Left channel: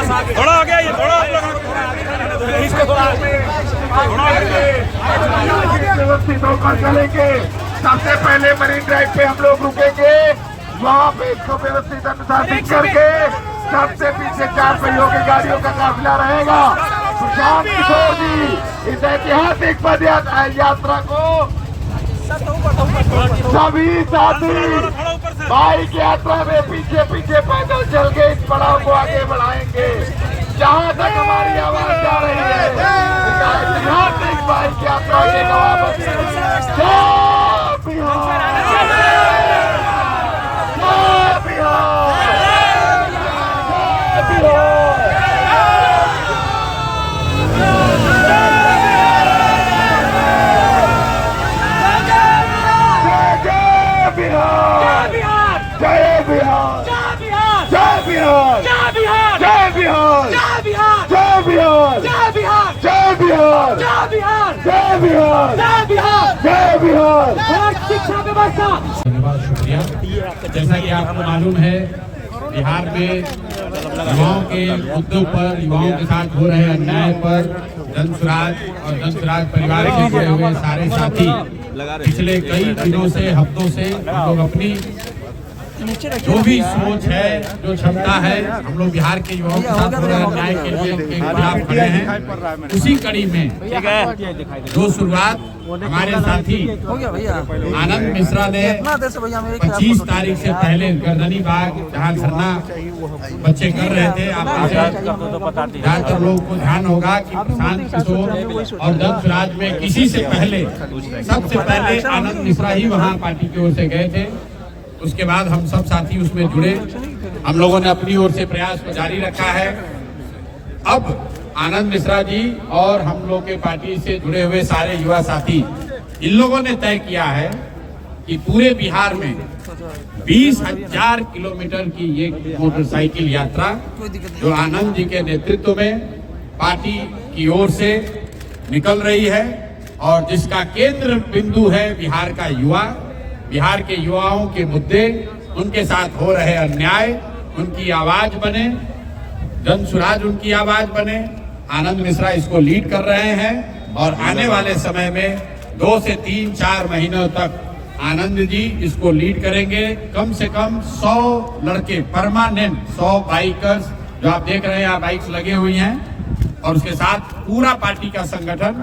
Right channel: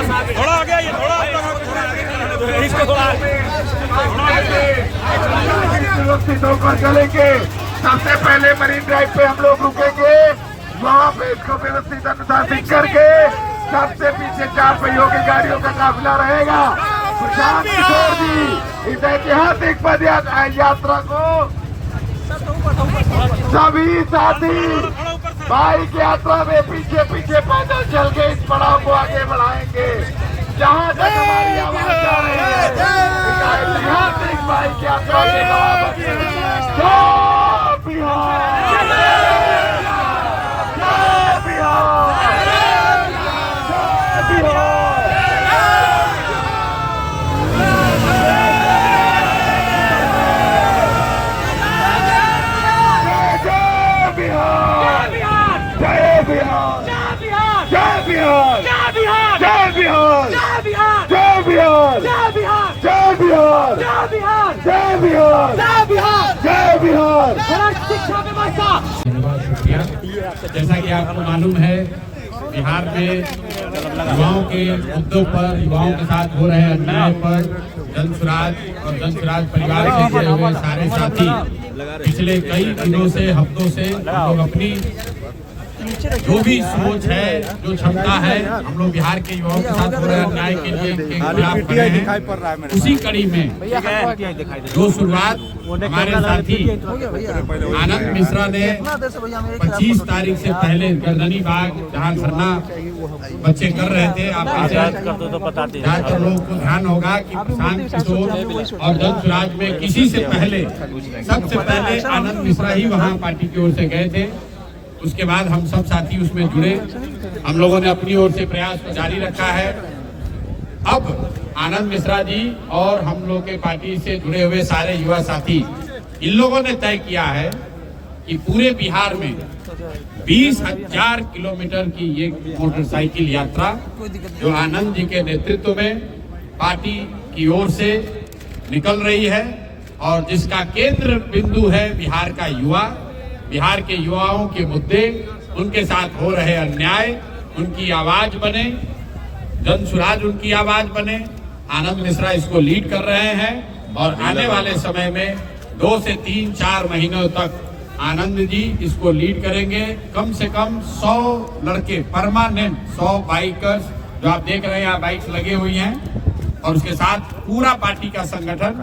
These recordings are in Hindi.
थोड़ा हो गया ये, थोड़ा व्यवस्थित होकर चलेंगे। सबसे पहले मरीन ड्राइव पे हम लोग रुकेंगे, वहाँ पे इसको व्यवस्थित अनुशासित करके सबसे पीछे 4 पहियों की गाड़ियों का काफिला रहेगा। प्रशांत किशोर जी इस ऐतिहासिक पद यात्रा को सभी साथी बाइक यात्रा में पीछे पीछे पैदल चल के इस पड़ाव को आगे बढ़ाएंगे। जहाँ तक हमारी आवाज जा रही है, ऐतिहासिक बाइक यात्रा के जवाब जय बिहार, जय बिहार, जय बिहार। जय बिहार, जय बिहार, जय बिहार, जय बिहार, जय बिहार, जय बिहार, जय बिहार, जय बिहार, जय बिहार, जय बिहार, जय बिहार, जय बिहार। शिक्षा व्यवस्था धन्यवाद, शुक्रिया। जैसा कि आपको मालूम है, बिहार में युवाओं के मुद्दों पर, युवाओं के साथ हो रहे अन्याय पर जन स्वराज और जन स्वराज परिवार से जुड़े हुए सारे साथी पिछले कई दिनों से, हफ्तों से हम लोग अपनी जो भी सोच है, जो क्षमता है, हम लोग बिहार के युवाओं के साथ हो रहे अन्याय के लिए उनके खिलाफ खड़े हैं। उसी कड़ी में जो शुरुआत हमारे साथी आनंद मिश्रा ने 25 तारीख से पहले गर्दनी बाग जहां धरना बच्चे कर रहे थे, आप में से ज्यादातर लोगों को ध्यान होगा कि प्रशांत किशोर और जन स्वराज में किसी से पहले, सबसे पहले आनंद मिश्रा ही वहां पार्टी की ओर से गए थे। उसके बाद हम सब साथी उसमें जुड़े, हम लोगों ने अपनी ओर से प्रयास को जारी रखा है। अब आनंद मिश्रा जी और हम लोग के पार्टी से जुड़े हुए सारे युवा साथी, इन लोगों ने तय किया है कि पूरे बिहार में 20,000 किलोमीटर की ये मोटरसाइकिल यात्रा जो आनंद जी के नेतृत्व में पार्टी की ओर से निकल रही है और जिसका केंद्र बिंदु है बिहार का युवा, बिहार के युवाओं के मुद्दे, उनके साथ हो रहे अन्याय, उनकी आवाज बने, जन स्वराज उनकी आवाज बने। आनंद मिश्रा इसको लीड कर रहे हैं और आने वाले समय में 2 से 3-4 महीनों तक आनंद जी इसको लीड करेंगे। कम से कम 100 लड़के परमानेंट, 100 बाइकर्स जो आप देख रहे हैं यहाँ बाइक्स लगे हुई हैं, और उसके साथ पूरा पार्टी का संगठन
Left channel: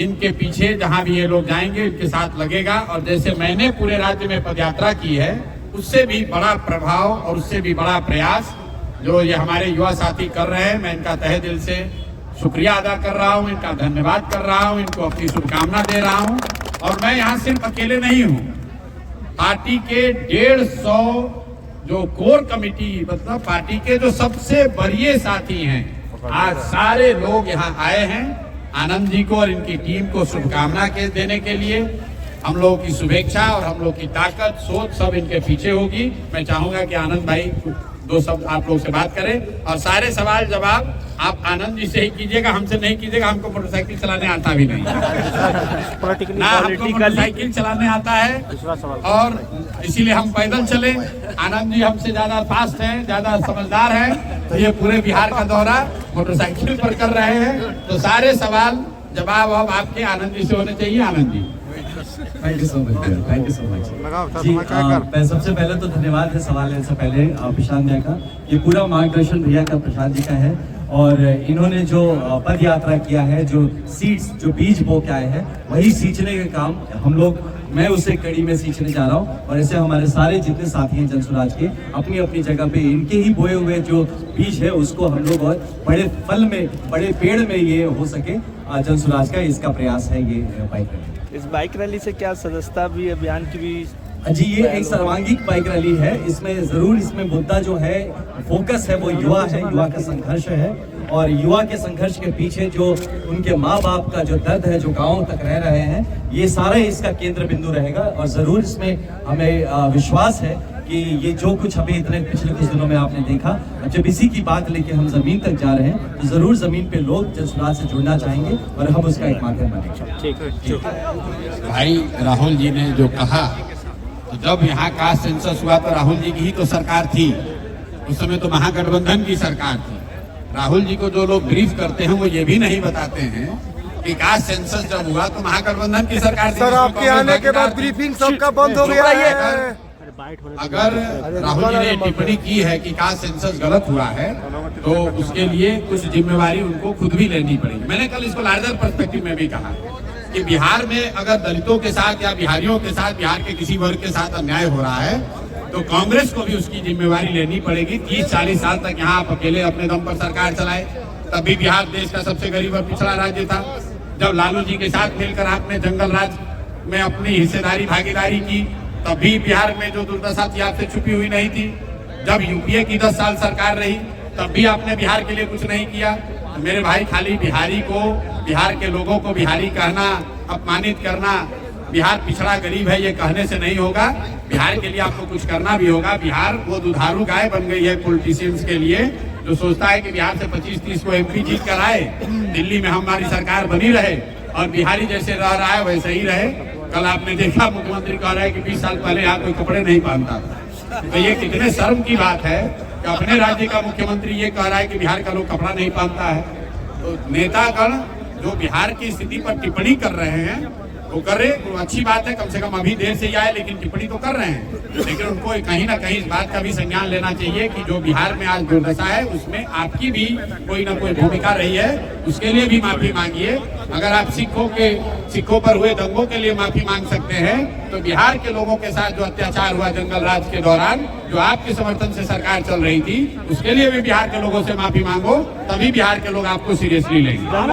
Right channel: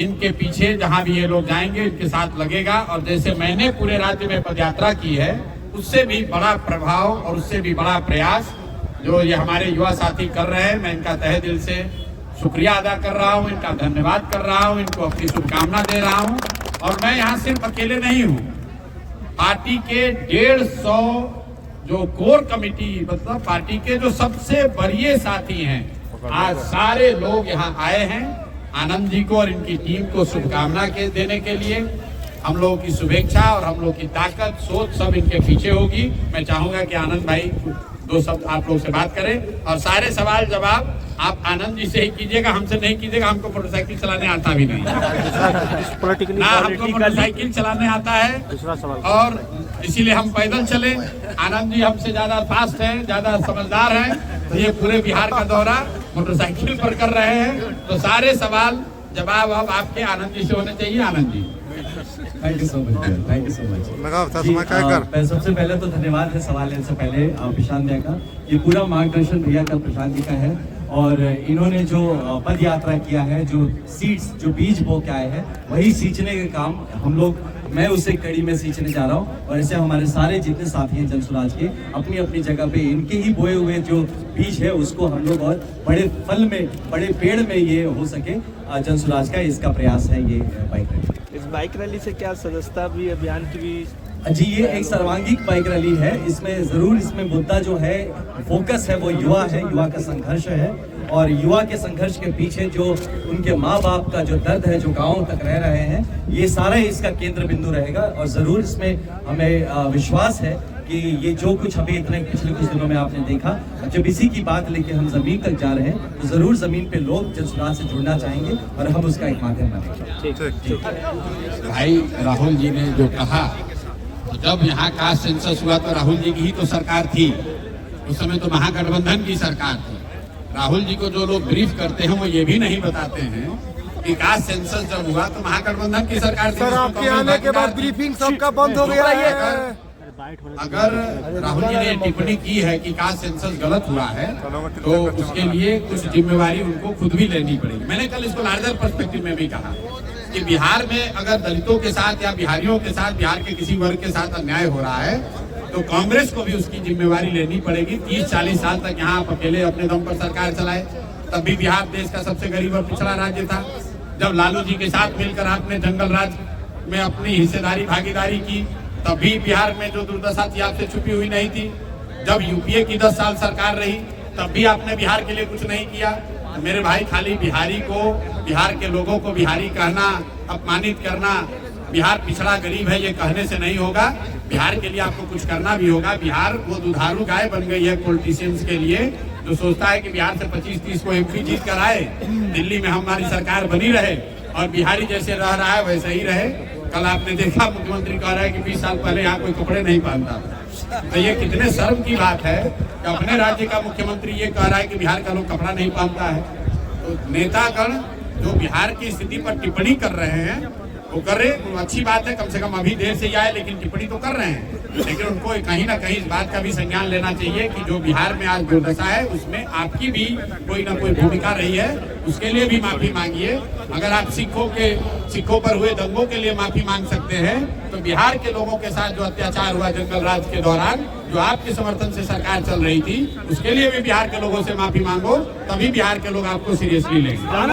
इनके पीछे जहां भी ये लोग जाएंगे इनके साथ लगेगा। और जैसे मैंने पूरे राज्य में पदयात्रा की है, उससे भी बड़ा प्रभाव और उससे भी बड़ा प्रयास जो ये हमारे युवा साथी कर रहे हैं, मैं इनका तहे दिल से शुक्रिया अदा कर रहा हूं, इनका धन्यवाद कर रहा हूं, इनको अपनी शुभकामना दे रहा हूं। और मैं यहाँ सिर्फ अकेले नहीं हूँ, पार्टी के 150 जो कोर कमेटी, मतलब पार्टी के जो सबसे वरीय साथी हैं, आज सारे लोग यहाँ आए हैं आनंद जी को और इनकी टीम को शुभकामना के देने के लिए। हम लोगों की शुभेच्छा और हम लोग की ताकत, सोच सब इनके पीछे होगी। मैं चाहूंगा कि आनंद भाई 2 शब्द आप लोग से बात करें और सारे सवाल जवाब आप आनंद जी से ही कीजिएगा, हमसे नहीं कीजिएगा। हमको मोटरसाइकिल चलाने आता भी नहीं ना, हमको मोटरसाइकिल चलाने आता है और इसीलिए हम पैदल चले। आनंद जी हमसे ज्यादा फास्ट हैं, ज्यादा समझदार हैं, तो ये पूरे बिहार का दौरा मोटरसाइकिल पर कर रहे हैं। तो सारे सवाल जवाब अब आपके आनंद जी से होने चाहिए। Anand ji, thank you so much, thank you so much ji. सबसे पहले तो धन्यवाद है सवाल लेने से पहले प्रशांत भैया का। ये पूरा मार्गदर्शन भैया का, प्रशांत जी का है। और इन्होंने जो पद यात्रा किया है, जो सीड्स, जो बीज बो के आए हैं, वही सींचने का काम हम लोग, मैं उसे कड़ी में सींचने जा रहा हूँ। और ऐसे हमारे सारे जितने साथी हैं जन स्वराज के, अपनी अपनी जगह पे इनके ही बोए हुए जो बीज है उसको हम लोग और बड़े फल में, बड़े पेड़ में ये हो सके, जन स्वराज का इसका प्रयास है ये बाइक रैली। इस बाइक रैली से क्या सदस्यता भी, अभियान की भी जी, ये एक सर्वांगीण बाइक रैली है। इसमें जरूर, इसमें मुद्दा जो है, फोकस है, वो युवा है, युवा का संघर्ष है। और युवा के संघर्ष के पीछे जो उनके माँ बाप का जो दर्द है, जो गाँव तक रह रहे हैं, ये सारा इसका केंद्र बिंदु रहेगा। और जरूर इसमें हमें विश्वास है कि ये जो कुछ अभी इतने पिछले कुछ दिनों में आपने देखा, जब इसी की बात लेके हम जमीन तक जा रहे हैं, तो जरूर जमीन पे लोग जन स्वराज से जुड़ना चाहेंगे और हम उसका एक माध्यम बनेंगे। भाई राहुल जी ने जो कहा, तो जब यहाँ कास्ट सेंसस हुआ तो राहुल जी की ही तो सरकार थी, उस समय तो महागठबंधन की सरकार थी। राहुल जी को जो लोग ब्रीफ करते हैं वो ये भी नहीं बताते हैं कि कास्ट सेंसस जब हुआ तो महागठबंधन की सरकार थी, सर जिसमें आपके कांग्रेस आने के भागीदार बाद थी। ब्रीफिंग सबका बंद हो गया है। अगर राहुल जी ने टिप्पणी की है कि कास्ट सेंसस गलत हुआ है तो उसके लिए कुछ जिम्मेवारी उनको खुद भी लेनी पड़ेगी। मैंने कल इसको लार्जर पर्सपेक्टिव में भी कहा कि बिहार में अगर दलितों के साथ या बिहारियों के साथ, बिहार के किसी वर्ग के साथ अन्याय हो रहा है तो कांग्रेस को भी उसकी जिम्मेवारी लेनी पड़ेगी। 30-40 साल तक यहाँ आप अकेले अपने दम पर सरकार चलाए, तब भी बिहार देश का सबसे गरीब और पिछड़ा राज्य था। जब लालू जी के साथ मिलकर आपने जंगल राज में अपनी हिस्सेदारी भागीदारी की, तब भी बिहार में जो दुर्दशा थी आपसे छुपी हुई नहीं थी। जब यूपीए की 10 साल सरकार रही तब भी आपने बिहार के लिए कुछ नहीं किया। तो मेरे भाई, खाली बिहारी को, बिहार के लोगों को बिहारी कहना, अपमानित करना, बिहार पिछड़ा गरीब है, ये कहने से नहीं होगा। बिहार के लिए आपको कुछ करना भी होगा। बिहार वो दुधारू गाय बन गई है पॉलिटिशियंस के लिए, जो सोचता है कि बिहार से 25-30 को एमपी जीत कर आए, दिल्ली में हमारी सरकार बनी रहे और बिहारी जैसे रह रहा है वैसे ही रहे। कल आपने देखा मुख्यमंत्री कह रहा है कि 20 साल पहले यहाँ कोई कपड़े नहीं पहनता था। तो ये कितने शर्म की बात है कि अपने राज्य का मुख्यमंत्री ये कह रहा है कि बिहार का लोग कपड़ा नहीं पहनता है। तो नेतागण जो बिहार की स्थिति पर टिप्पणी कर रहे हैं वो कर रहे, तो अच्छी बात है, कम से कम अभी देर से ही आए लेकिन टिप्पणी तो कर रहे हैं। लेकिन उनको कहीं ना कहीं इस बात का भी संज्ञान लेना चाहिए कि जो बिहार में आज दुर्दशा है उसमें आपकी भी कोई ना कोई भूमिका रही है, उसके लिए भी माफी मांगिए। अगर आप सिखों पर हुए दंगों के लिए माफी मांग सकते हैं तो बिहार के लोगों के साथ जो अत्याचार हुआ जंगल राज के दौरान, जो आपके समर्थन से सरकार चल रही थी, उसके लिए भी बिहार के लोगों से माफी मांगो, तभी बिहार के लोग आपको सीरियसली लेंगे।